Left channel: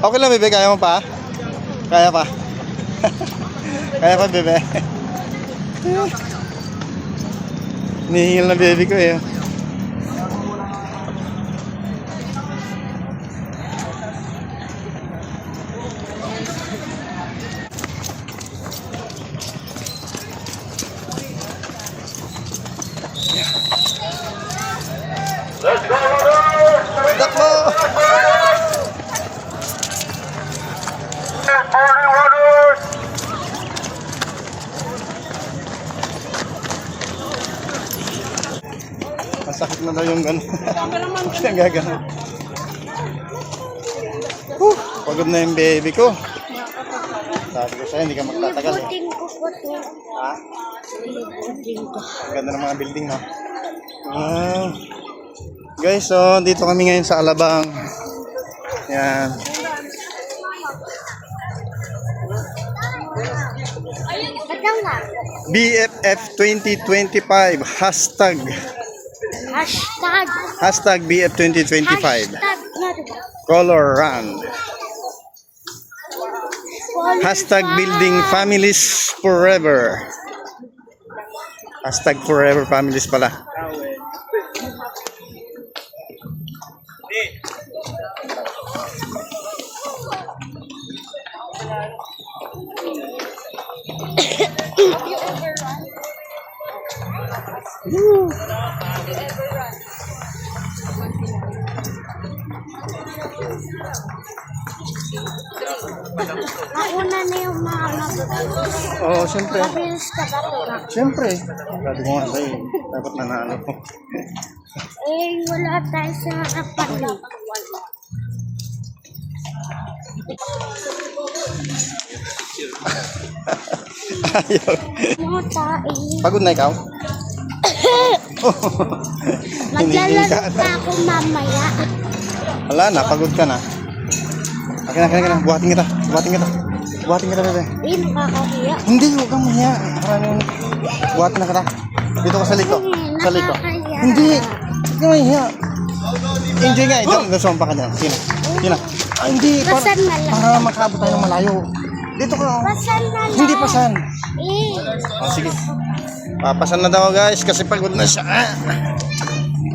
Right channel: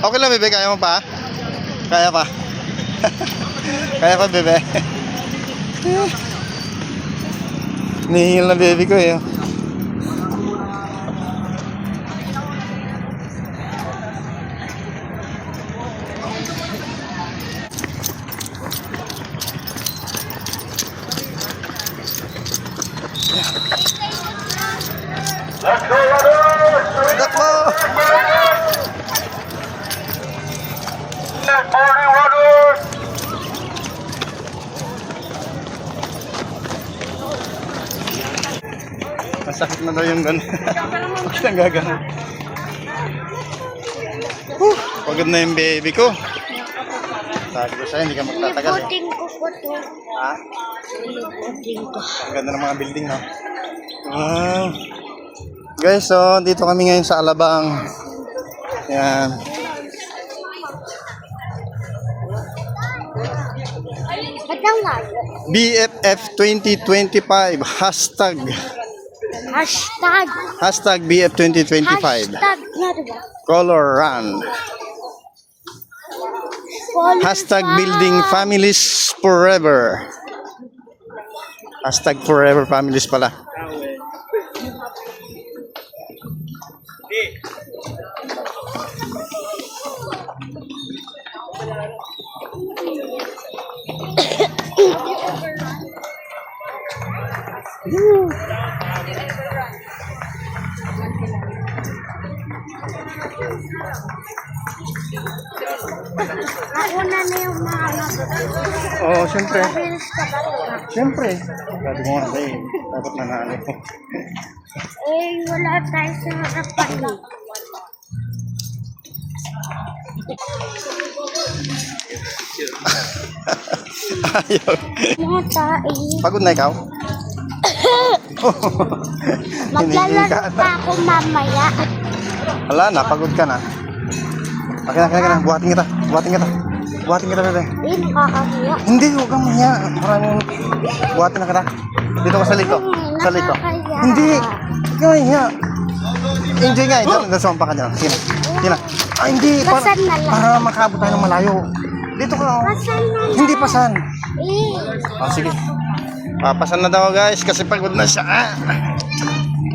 Okay lang, bebe. Kaya mo pa? Kaya pa. Kaya pa, bebe. Nihingil na baby ko eh. Let's go, runners! Daklo! Good morning, runners! Masakit na daw yung gano'n. Ang gagano. Pagod na yung baby ko. Sabi ko sa'yo, hindi ka magtatagal eh. Lilibutin ko po ito. Ha? Lilibutin ko. Ang ganda ng mga building, no? Wow. Guys, so dito kami ngayon sa Alabang. Yan. Ito nga. BFF 2025 hashtag. Hashtag. Hashtag BF 2025 Hashtag na diba? Color Run. Hashtag Color Building Families Forever. Hashtag Forever Families pala. Nauna na yung mga nababili. Oo, siyempre. Mabilis ka ba diba? Siyempre. Sabi ko nga sa'yo, dapat nanalo ko. Eh, wala tayo sa harapan. Ayaw. Yung tayo. Pagod na ikaw? Maglalaro pa ako mamaya. Wala na, pagod ka na. Akin na. Buhatin kita. Buhatin kita, bebe. Eh, nakakahiya. Hindi, huwag kang mahiya. Maraming buhatin na kita. Dito ka sa liko. Sa liko. Hindi. Huwag kang mahiya. Enjoy nga. Nasumpa ka dyan. Sige na. Sige na. Ah, hindi. Pasan na lang. Para makaabot tayo ng malayo. Dito ka. Oh. Pasan na lang. Hindi pasan. Eh. Oh, sige. Papasan na daw guys kasi pagod na siya.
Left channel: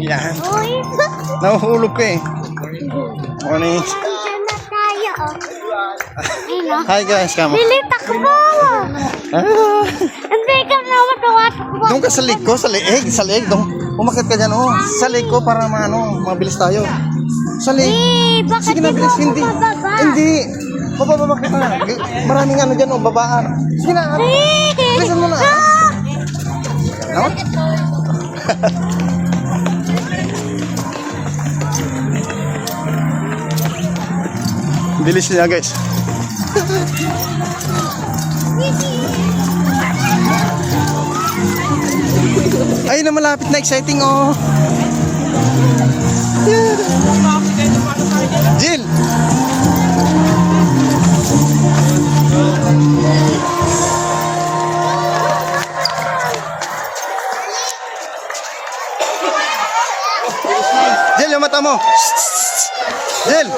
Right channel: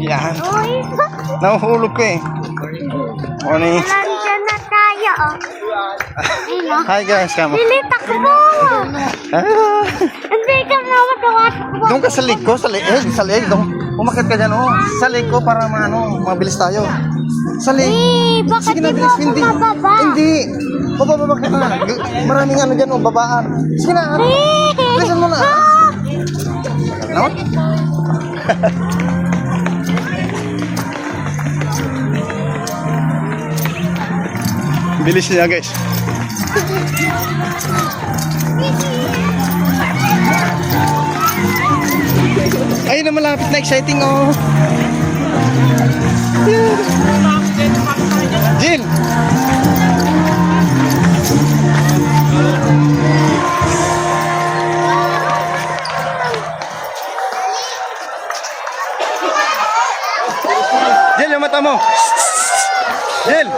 Yan. Uy. Nahuhulog ko eh. Morning. Nandiyan na tayo. Ayun o. Hi guys, kamo. Lili, takbo! Ah. Hindi ka na matawatakbo. Doon ka sa liko, sa leeg, doon. Umakit ka dyan, oh. Sa leg ko para mabilis tayo. Sa leg. Eh, bakit Sige di na, mo Grace, ako hindi. mababa? Hindi. Bababa ka na. Maraming ano dyan, oh, babaan. Sige na, bilisan mo na. Tagal naman. Bilis niya, guys. Ay, na malapit na, exciting, oh. Jill! Jill, yung mata mo. Jill!